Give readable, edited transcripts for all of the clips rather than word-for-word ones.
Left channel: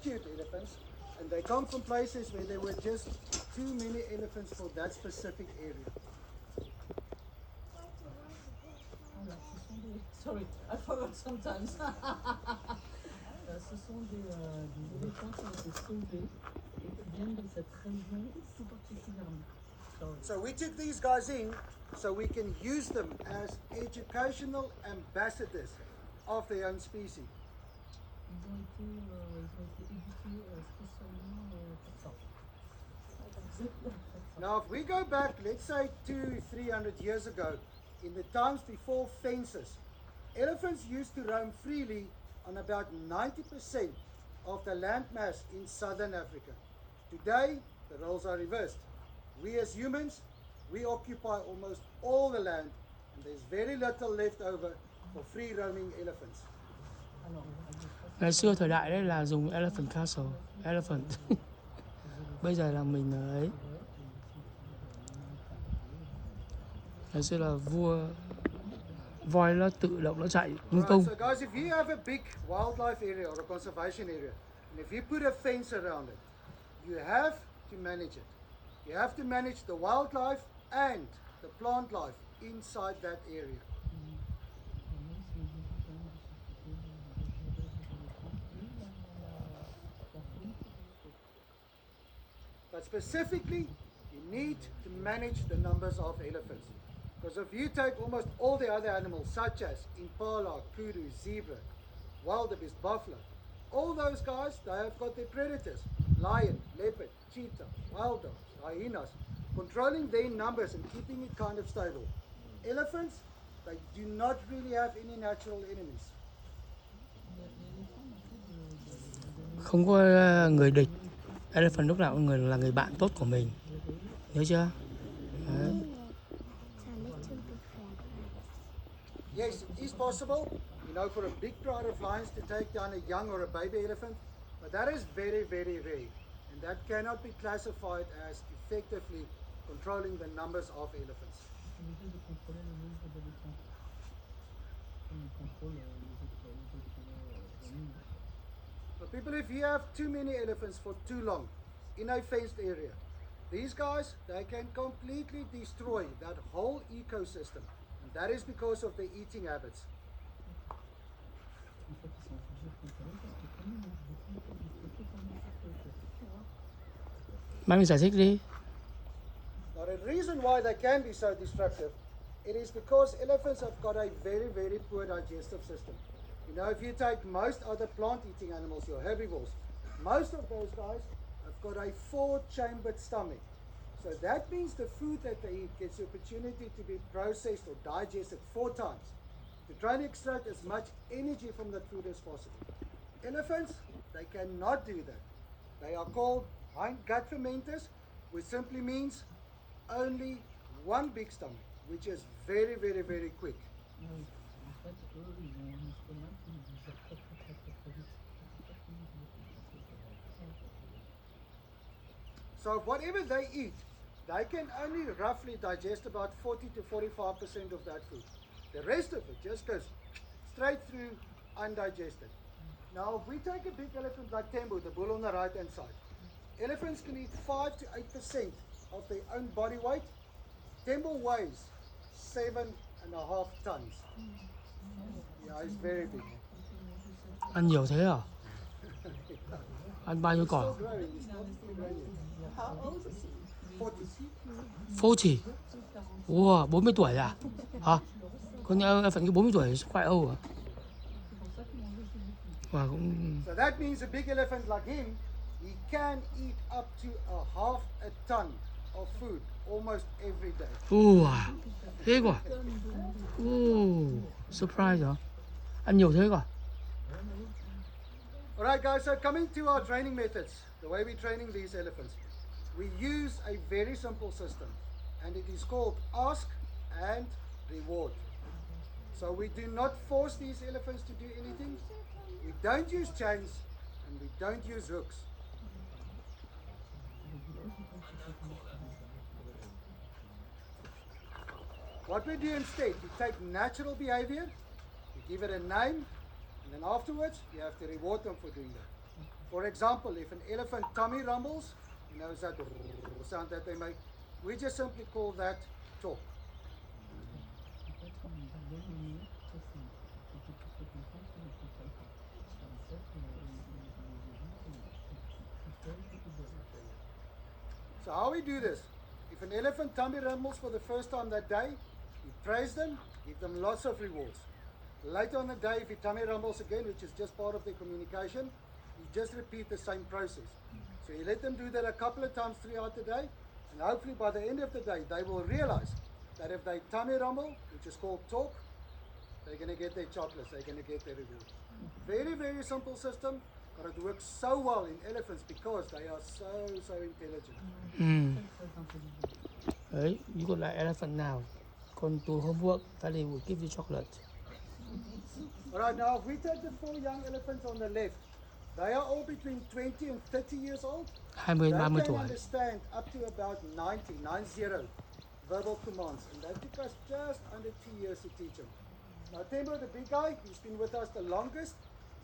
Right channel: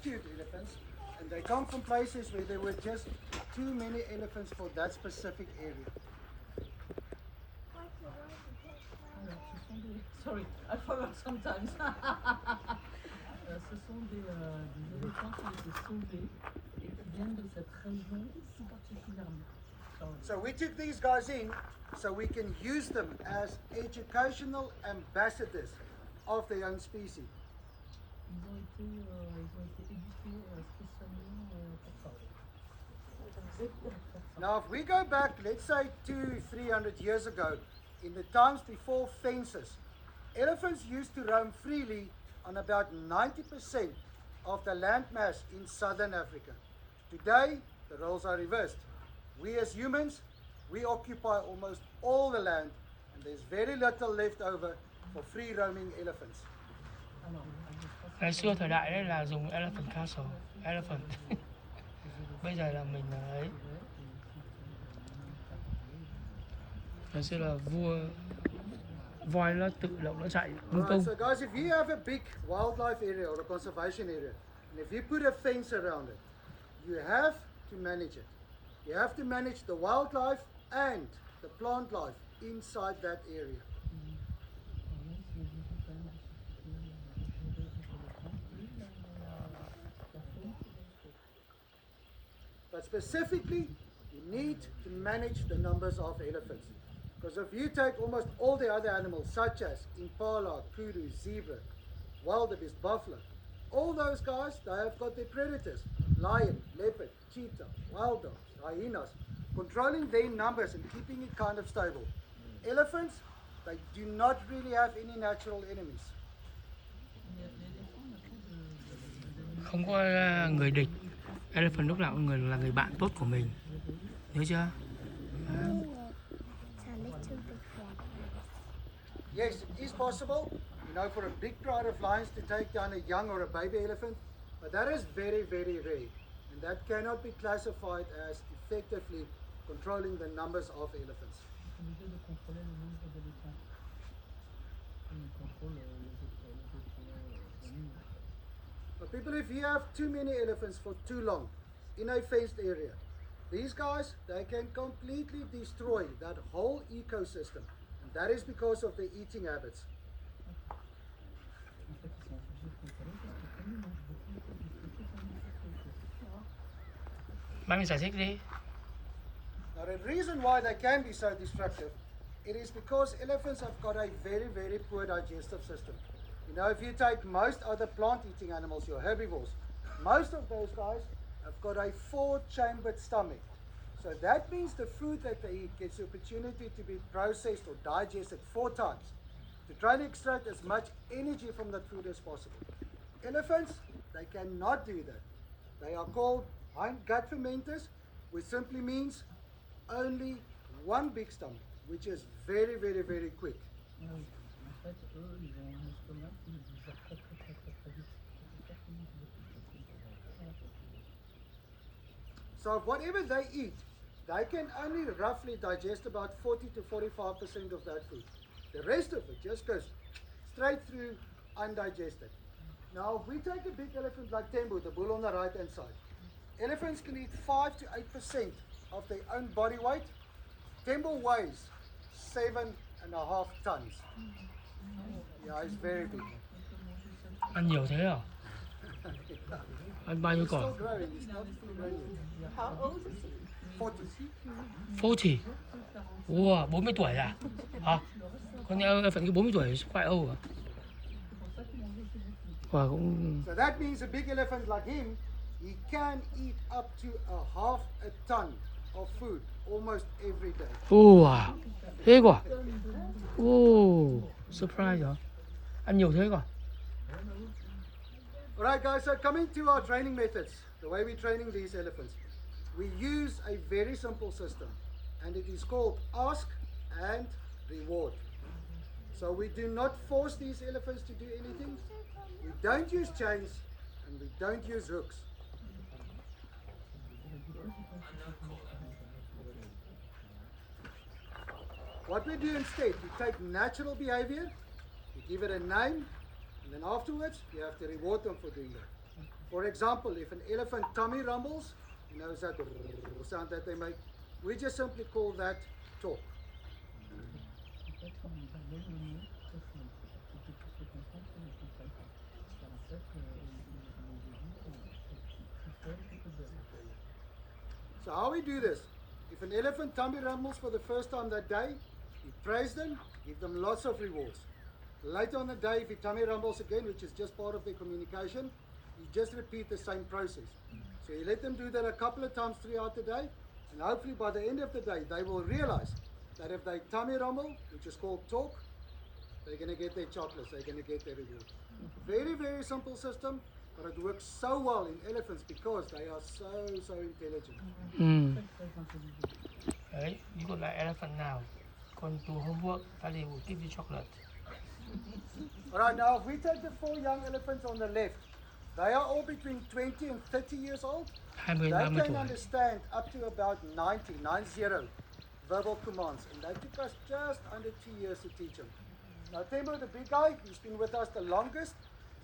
rescued elephants, and they come from places where there were just too many elephants for that specific area. Sorry, I forgot sometimes. Ce sont des éléphants qui ont été sauvés et qui viennent de cette région tout particulièrement. So we took these guys in so we can use them as educational ambassadors of their own species. Ils ont été éduqués spécialement pour ça. Now if we go back, let's say 200-300 years ago, in the times before fences, elephants used to roam freely on about 90% of the landmass in southern Africa. Today, the roles are reversed. We as humans, we occupy almost all the land, and there's very little left over for free roaming elephants. Ngày xưa thời đại đấy là dùng elephant castle, elephant. Bây giờ là mình ở ấy. Ngày xưa là vua voi nó tự động nó chạy lung tung. So guys, if you have a big wildlife area or a conservation area, and if you put a fence around it, you have to manage it. You have to manage the wildlife and the plant life inside that area. But specifically, you need to manage the numbers of elephants. Because if you take almost all the other animals, such as impala, kudu, zebra, wildebeest, buffalo, all those guys, they have got their predators: lion, leopard, cheetah, wild dogs, hyenas, controlling their numbers and keeping it kind of stable. Elephants, they do not really have any natural enemies. Không có người địch. Elephant lúc nào cũng là người bạn tốt của mình. Nhớ chưa? Yes, it is possible, you know, for a big pride of lions to take down a young or a baby elephant, but that is very, very rare, and that cannot be classified as effectively controlling the numbers of elephants. But people, if you have too many elephants for too long in a fenced area, these guys, they can completely destroy that whole ecosystem. And that is because of their eating habits. Mami giải thích đi. Now the reason why they can be so destructive, it is because elephants have got a very, very poor digestive system. You know, if you take most other plant-eating animals, your herbivores, most of those guys have got a 4-chambered stomach. So that means the food that they eat gets the opportunity to be processed or digested 4 times to try to extract as much energy from that food as possible. Elephants, they cannot do that. They are called hindgut fermenters, which simply means only one big stomach, which is very, very, very quick. So whatever they eat, they can only roughly digest about 40 to 45% of that food. The rest of it just goes straight through undigested. Now, if we take a big elephant like Tembo, the bull on the right hand side, elephants can eat 5 to 8% of their own body weight. Tembo weighs 7.5 tons. Yeah, it's very big. Ăn nhiều thế à? Ăn bao nhiêu cỏ? Still growing, it's not growing yet. How old is he? 40. 40. Wow, 40 tuổi à? Hả? Có nghĩa phận cái 40 tuổi quite old à? Wow, cũng... So that means a big elephant like him, he can eat up to a half a ton of food almost every day. Wow, thế quả? Oh, surprise hả? Ăn nhiều thế quả? Alright guys, so coming to our training methods, the way we're training these elephants, we use a very simple system, and it is called ask and reward. So we do not force these elephants to do anything. We don't use chains and we don't use hooks. What we do instead, we take natural behavior, we give it a name, and then afterwards you have to reward them for doing that. For example, if an elephant tummy rumbles, you know that sound that they make, we just simply call that talk. Peut-être on va dénommer tout ça. C'était tout ce qu'on fait sur le TikTok. C'est ça que So how we do this? If an elephant tummy rumbles for the first time that day, you praise them, give them lots of rewards. Later on the day, if your tummy rumbles again, which is just part of their communication, you just repeat the same process. So you let them do that a couple of times throughout the day, and hopefully by the end of the day, they will realize that if they tummy rumble, which is called talk, they're going to get their chocolates, they're going to get their reward. Very, very simple system, but it works so well in elephants because they are so intelligent. Đấy, you got like elephant now. Gone to homework, Daddy will give you chocolate. Alright, now if we take the 4 young elephants on the left, they are all between 20 and 30 years old. 20, They 30 can tuổi. understand up to about 90 verbal commands, and that took us just under 2 years to teach them. Now Tembo, the big guy, he's been with us the longest,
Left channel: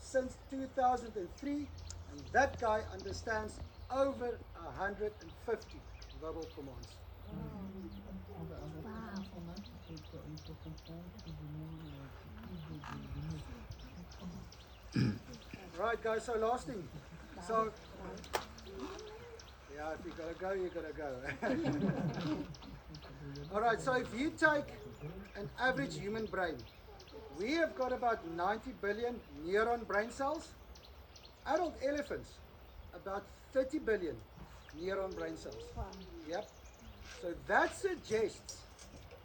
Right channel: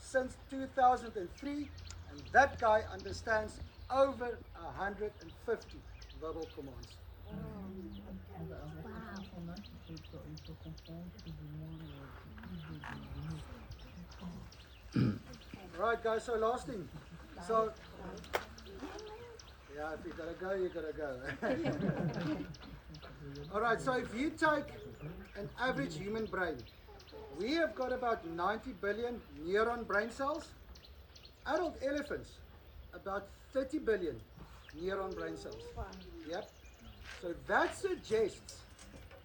since 2003, and that guy understands over 150 verbal commands. Right guys, so last thing. So, yeah, if you gotta go, you gotta go. Alright, so if you take an average human brain, we have got about 90 billion neuron brain cells. Adult elephants, about 30 billion neuron brain cells. Yep. So that suggests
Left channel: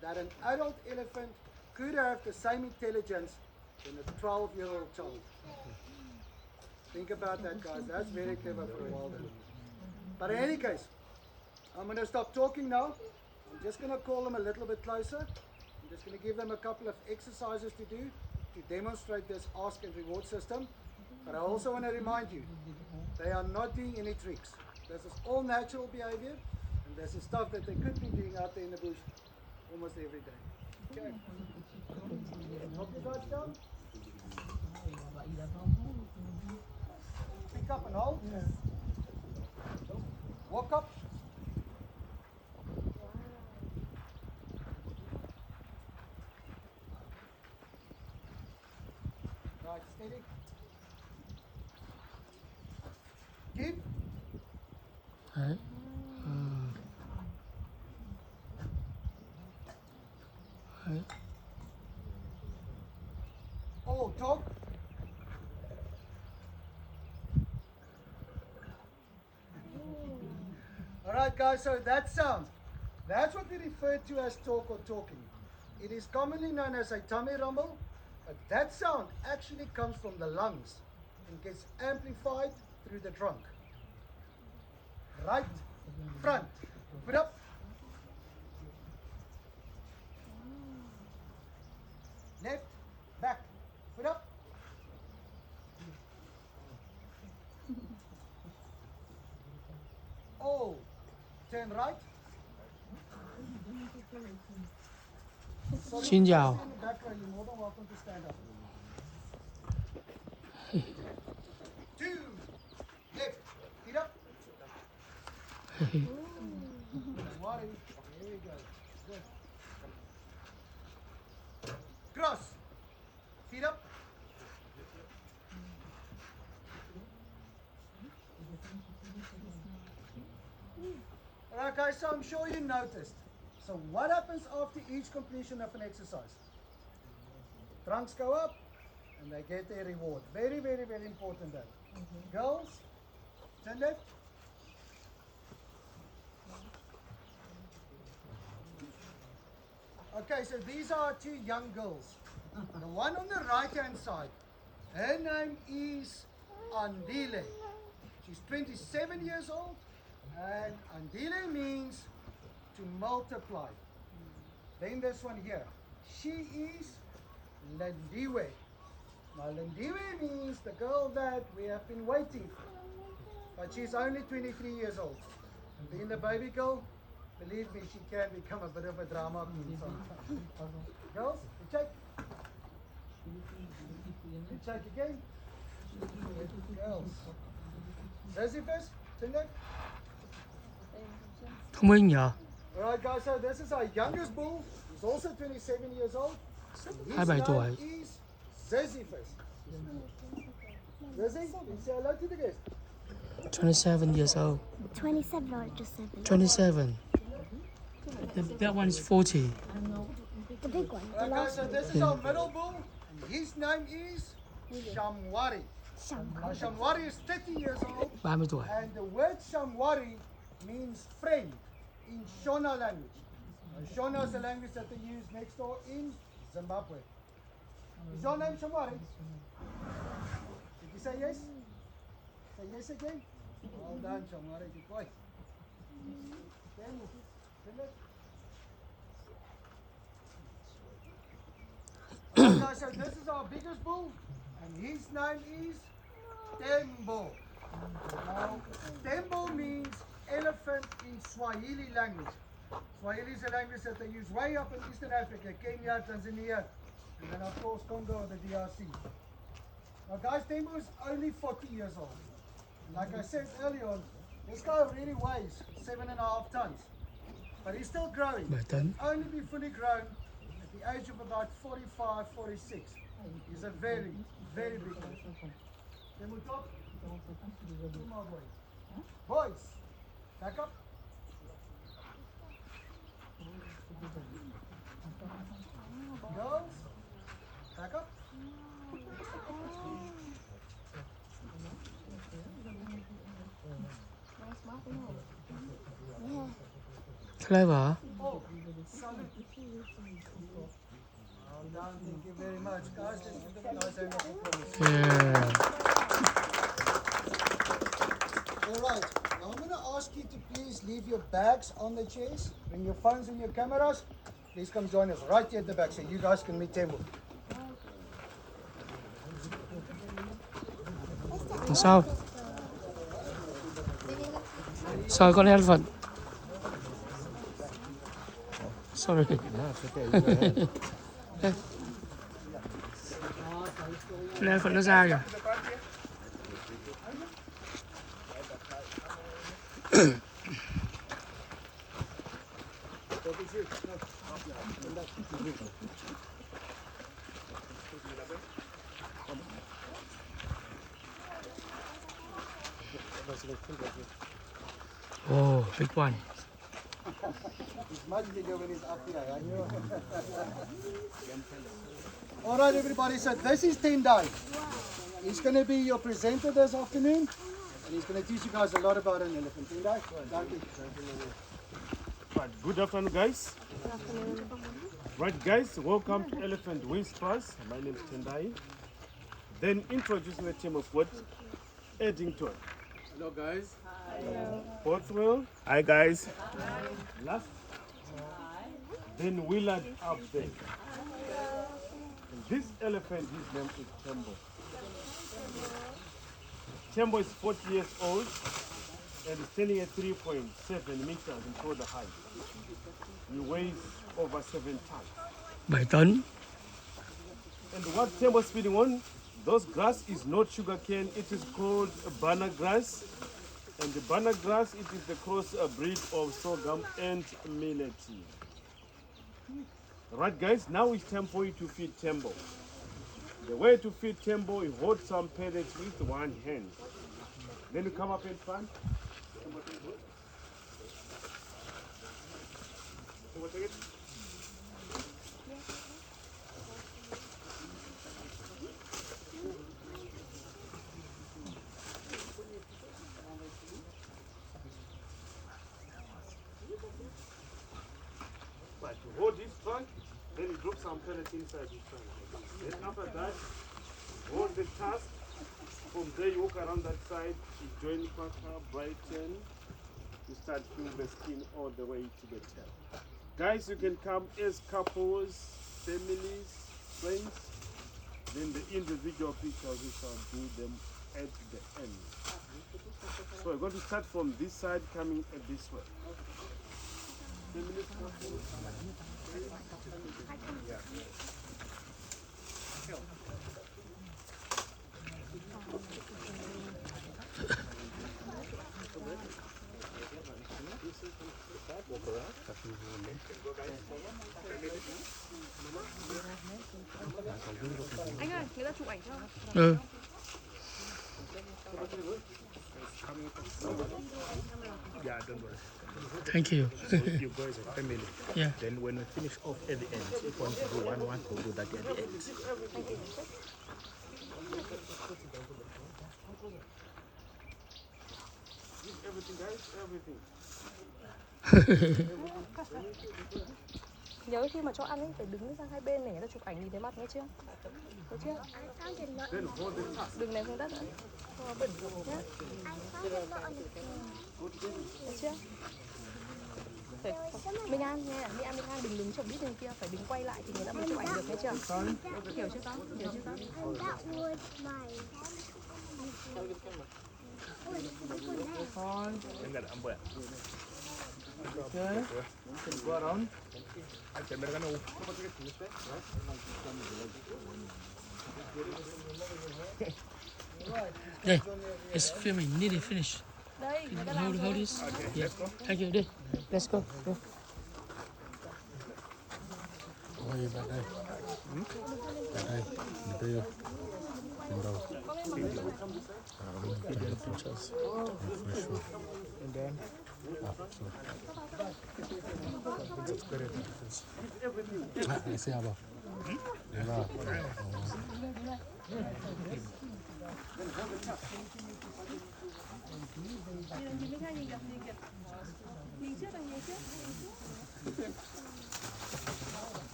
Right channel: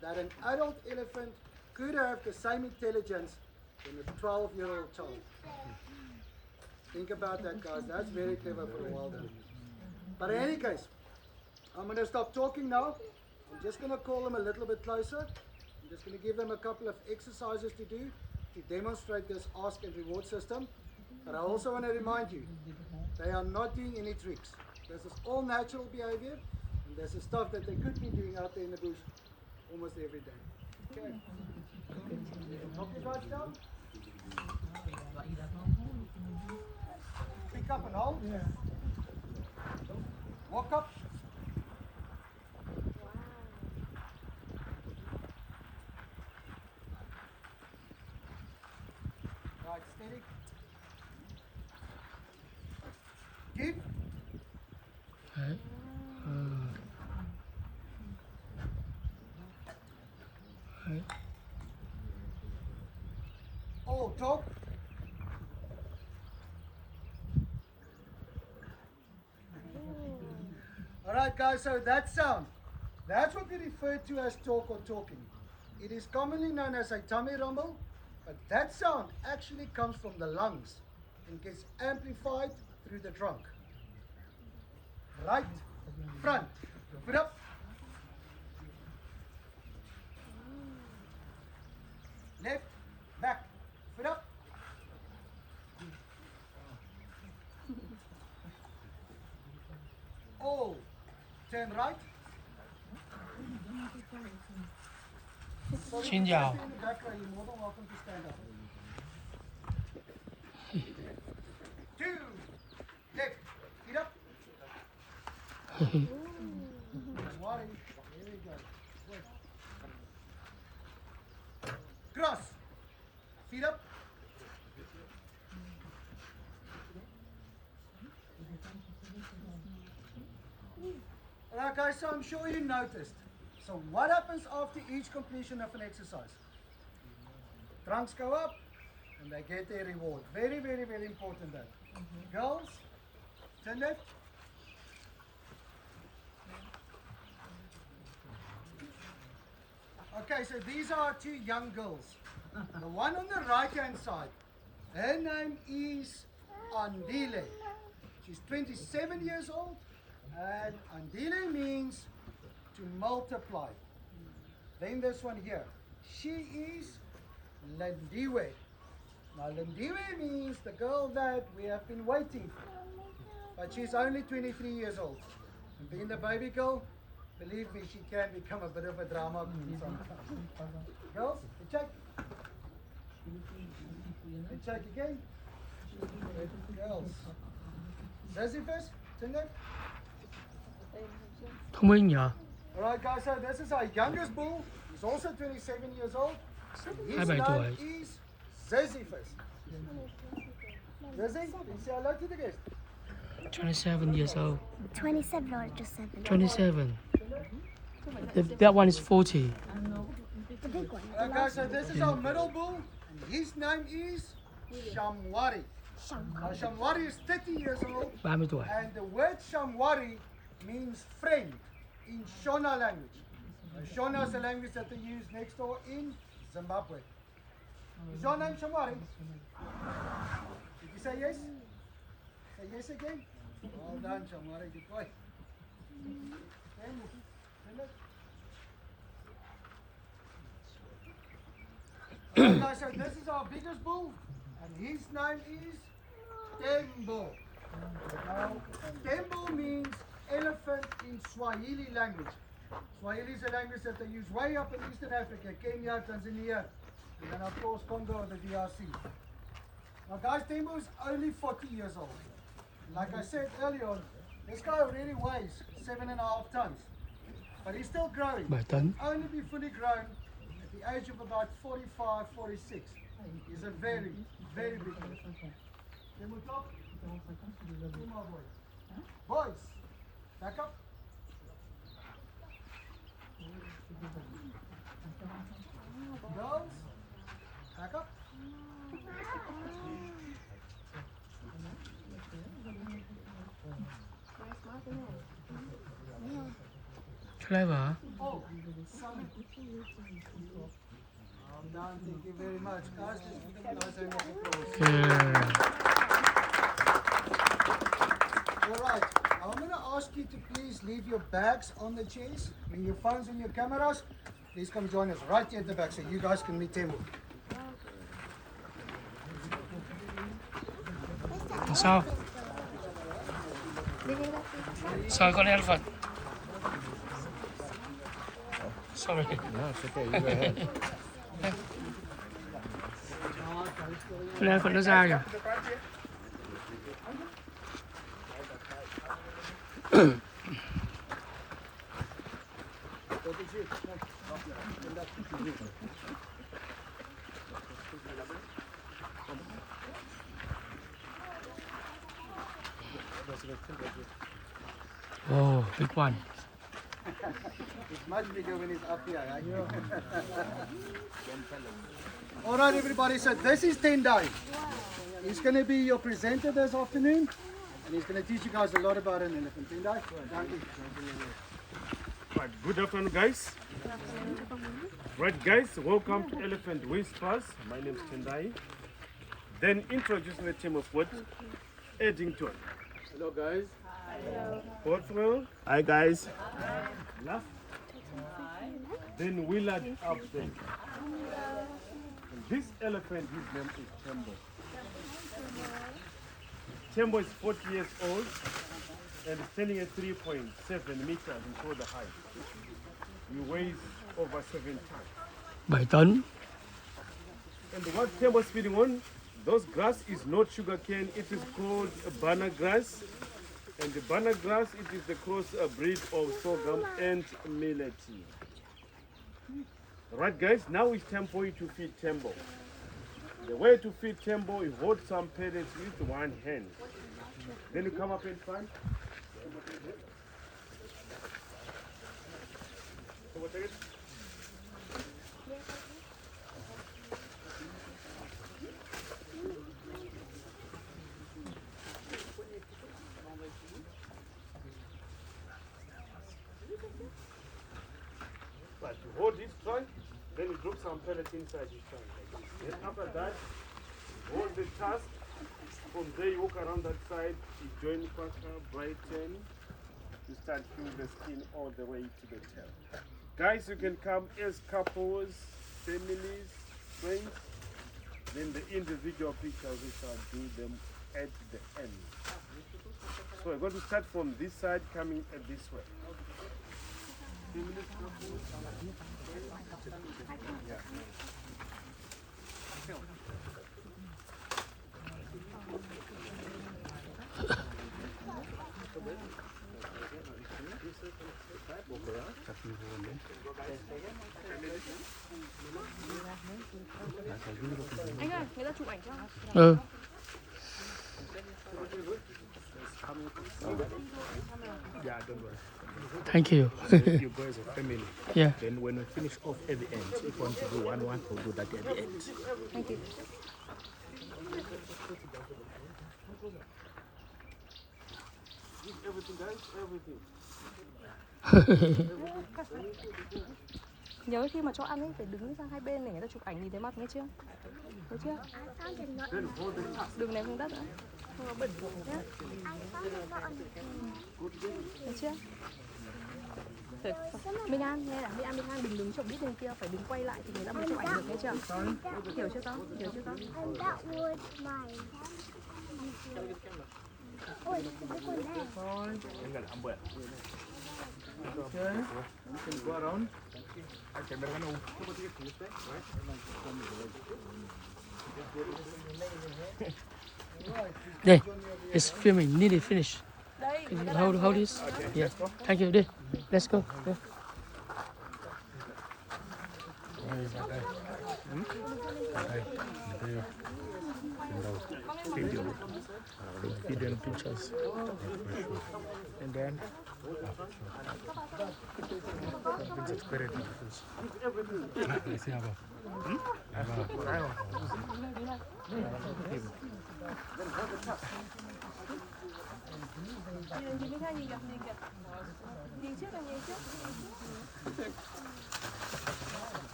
that an adult elephant could have the same intelligence than a 12-year-old child. Think about that, guys. That's very clever for a wild animal. But in any case, I'm going to stop talking now. I'm just going to call them a little bit closer. I'm just going to give them a couple of exercises to do to demonstrate this ask and reward system. But I also want to remind you, they are not doing any tricks. This is all natural behavior, and this is stuff that they could be doing out there in the bush almost every day. Okay. Walk your guys down. Pick up and hold. Walk up. Right, steady. Keep. Đấy. Đấy. Oh, talk. Alright guys, so that sound, that's what we refer to as talk or talking. It is commonly known as a tummy rumble, but that sound actually comes from the lungs and gets amplified through the trunk. Right, front, foot up. Left, back, foot up. Oh, turn right. Xin chào. Back row, you're more than welcome to stand up. 2, left, feet up. 1, there we go. Good. Cross, feet up. Alright guys, so I'm sure you noticed. So what happens after each completion of an exercise? Trunks go up and they get their reward. Very, very, very important though. Girls, turn left. Okay, so these are 2 young girls. The one on the right hand side, her name is Andile. She's 27 years old. And Andile means to multiply. Then this one here, she is Lindiwe. Now Lindiwe means the girl that we have been waiting for. But she's only 23 years old. And being the baby girl, believe me, she can become a bit of a drama queen sometimes. Girls, good check. Good check again. Girls. Sisyphus, Tingo? Thông minh nhở? Alright guys, so this is our youngest bull. He's also 27 years old. His 27 name tuổi. is Sisyphus. Zizzy, you say hello to the guest. 27 years old. 27 or just 7? 27. That one is 40. The big one. Alright guys, so this is our middle bull. His name is Shamwari. Now, Shamwari is 30 years old. 30 tuổi. And the word Shamwari means friend in Shona language. Now, Shona is the language that they use next door in Zimbabwe. Is your name Shamwari? Did you say yes? Say yes again? Well done, Shamwari. Good boy. Okay, so this is our biggest bull, and his name is Tembo. Now, Tembo means elephant in Swahili language. Swahili is a language that they use way up in Eastern Africa, Kenya, Tanzania, and then of course Congo, the DRC. Now guys, Tembo is only 40 years old. Like I said earlier on, this guy really weighs 7.5 tons. But he's still growing. 7 tấn. Only be fully grown at the age of about 45, 46. He's a very, very big one. Then we'll talk. Two more boys. Boys, back up. Girls, back up. Clever. Oh, sorry. Well done, thank you very much. Guys, let's give you guys a round of applause. Yeah. Alright, I'm going to ask you to please leave your bags on the chairs. Bring your phones and your cameras. Please come join us right here at the back so you guys can meet Tembo. Sao? Sorry, con elephant. Sorry. Con elephant nó ra kìa. Oh, big one. He's much bigger when he's up here, right? Alright everybody, so this is Tendai. He's going to be your presenter this afternoon. And he's going to teach you guys a lot about an elephant. Tendai, Right, good afternoon, guys. Right, guys, welcome to Elephant Whispers. My name is Tendai. Then introducing the team of what? Eddington. Hello guys. Portswell. Hi, guys. Last. Then Willard up there. And this elephant, his name is Tembo. Tembo is 40 years old and is standing at 3.7 meters in shoulder height. He weighs over 7 tons. 7 tấn. And what Tembo is feeding on, those grass is not sugar cane, it is called banana grass. And the banana grass, it is the cross breed of sorghum and millet. Right guys, now it's time for you to feed Tembo. The way to feed Tembo, you hold some pellets with one hand. Then you come up in front. Tembo, take it. Right, you hold this trunk, then you drop some pellets inside this trunk. Then after that, hold the tusk. From there, you walk around that side, you join Quacker, Brighton, you start peeling the skin all the way to the tail. Guys, you can come as couples, families, friends. Then the individual pictures, we shall do them at the end. So we're going to start from this side, coming at this way. Families, couples, Anh ơi, người ta chụp ảnh cho. Ừ. Thank you. You guys are family. Yeah. Then when we finish off at the end, if you want to do one, we'll do that at the end. Everything, guys, everything. Nhớ khi mà cho ăn ấy, phải đứng sang hai bên này, người ta chụp ảnh nhìn thấy mặt nghe chưa? Thấy chưa? Then hold the task. Đừng ném xuống đất nữa. Không có bẩn nhé. Thấy chưa? Minh An nghe, Minh An đừng đứng chụp đít bên kia, phải đứng quay lại thì người ta mới chụp ảnh được, thấy chưa? Hiểu chưa con? Hiểu chưa con? Go around. Đây, it's filming. Nearly finished. Hold this. Yeah. Thank you. Đi. Let's go. Yeah. Hidden pictures. And then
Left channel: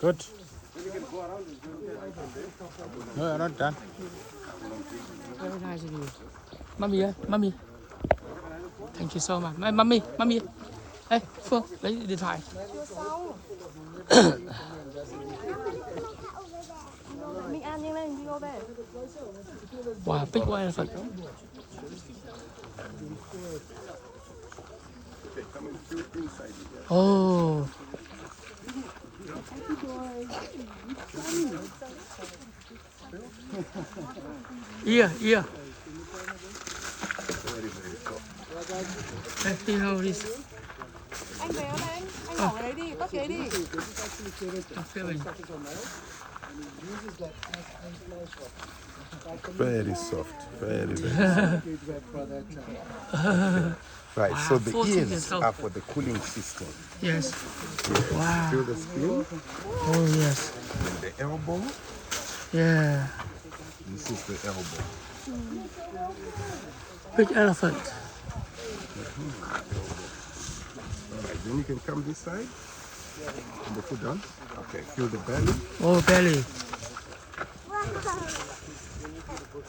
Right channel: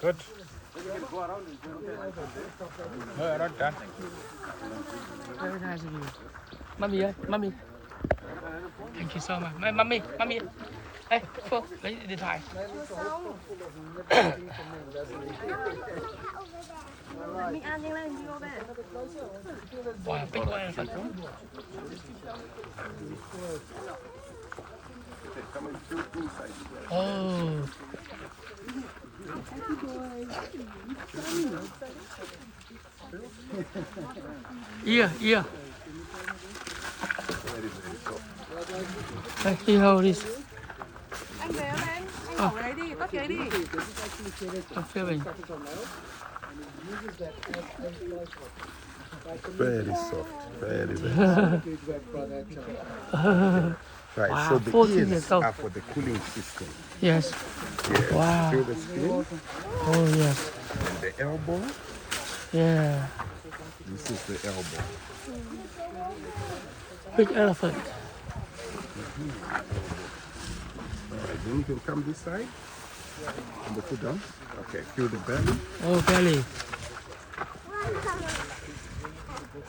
good. Mummy ơi, mummy. Thank you so much. Mummy. Ê, Phương, lấy điện thoại. Minh An nhanh lên, video về. Wow, big one elephant. Oh. Yeah. Let's see how it is. Anh về em, anh bỏ cái đấy đi, tắt cái đấy đi. I'm filming. Very soft, very right. Wow, So the 14 ears years old. are for the cooling system. Yes. Yes. Wow. Feel the skin Oh yes. and the elbow. Yeah. This is the elbow. Big elephant. All right. Then you can come this side and the foot down. Okay. Feel the belly Oh, belly.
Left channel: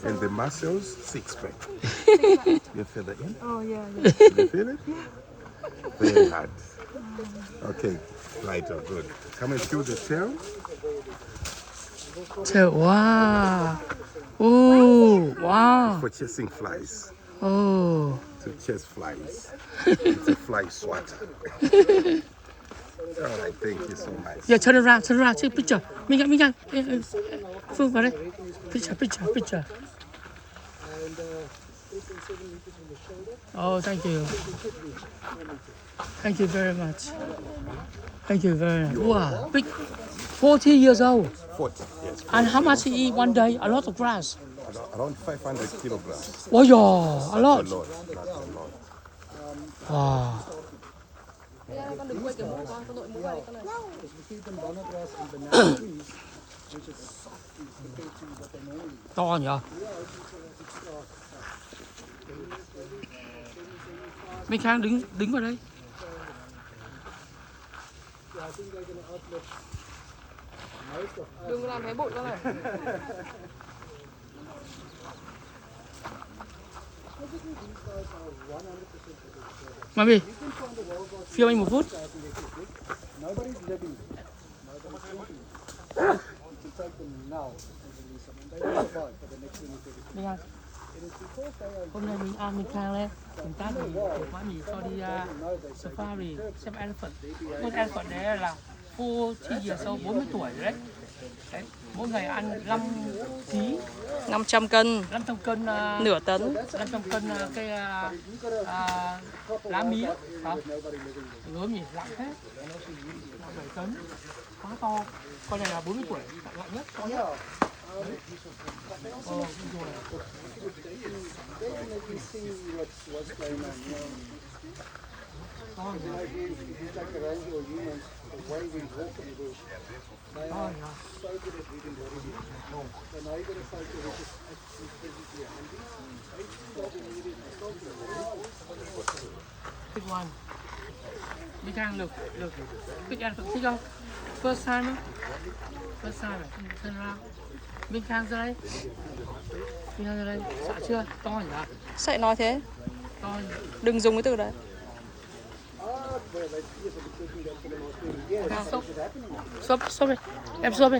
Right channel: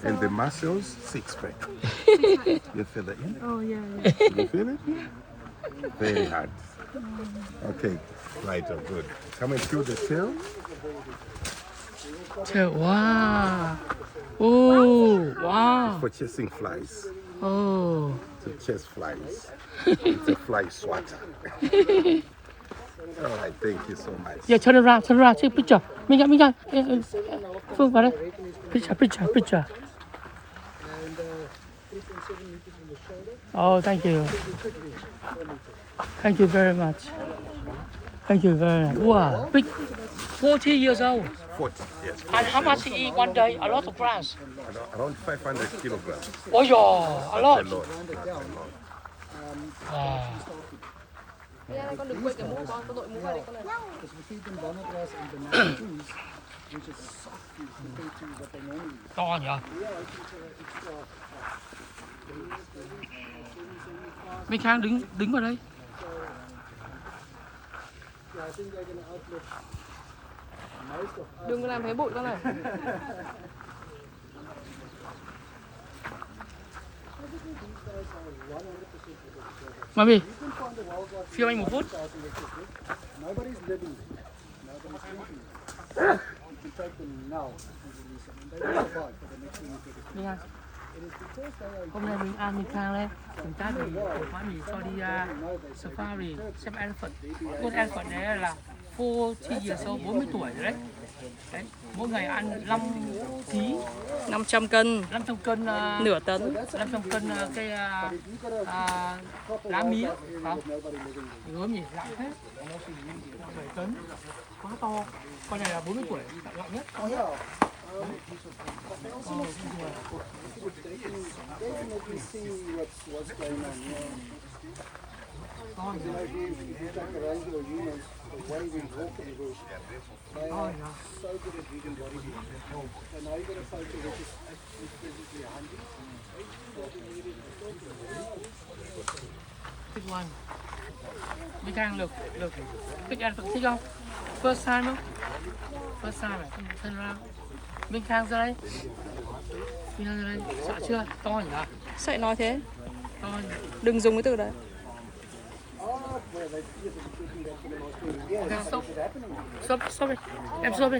and the muscles. Six pack. You feel it in? Oh yeah. You feel it? Very hard. Okay. Right. Oh, good. Come and feel the tail. Wow. Oh, wow. For chasing flies. Oh. To chase flies. It's a fly swatter. All right, thank you so much. Yeah, turn around, take picture. Minh Anh. Phương vào đây. Picture. And 3.7 meters from the shoulder. Oh, thank you. Thank you very much. Wow, big. 40 years old. 40, yes. And how much he eat one day? A lot of grass. Around 500 kilograms. Oh yeah, a lot. That's a lot. That's a lot. Ah. Because we feed them banana grass and banana trees, which is soft compared to what they normally eat. To nhỉ? Minh Khang đứng vào đây. Yeah, I think they're going to outlive most of us. Đừng làm thấy bụi đâu này. Basically, these guys are 100% protected. Mami, You can find the wildlife phiêu anh một phút. nobody's living there. Nobody's eating them. You take them now and release them. And they will survive for the next 20 to Minh Khang, It is because they are hôm nay mình ăn Minh Khang đây. Chúng ta thì quá nhiều cho đi safari, xem elephant. Con elephant đấy là 40 years old, 40 tuổi rồi đấy. Đấy, mỗi ngày ăn 5 kg 500 cân, 500 cân nửa tấn. 500 cân cây lá mía không? Gớm nhỉ, nặng thế. Nặng 7 tấn. Quá to. Con này là 40 tuổi, nặng nhất, to nhất. Đấy. Ồ, rồi. To nhỉ. To nhỉ. Big one. Big Khang look. Big elephant thích không? First time không? First time này, thân ra. Big Khang ra đây. Big Khang ra đây. Sợ chưa? To nhỉ? Sao lại nói thế? To nhỉ? Đừng dùng cái từ đấy. Ok, stop. Stop đi. Em stop đi.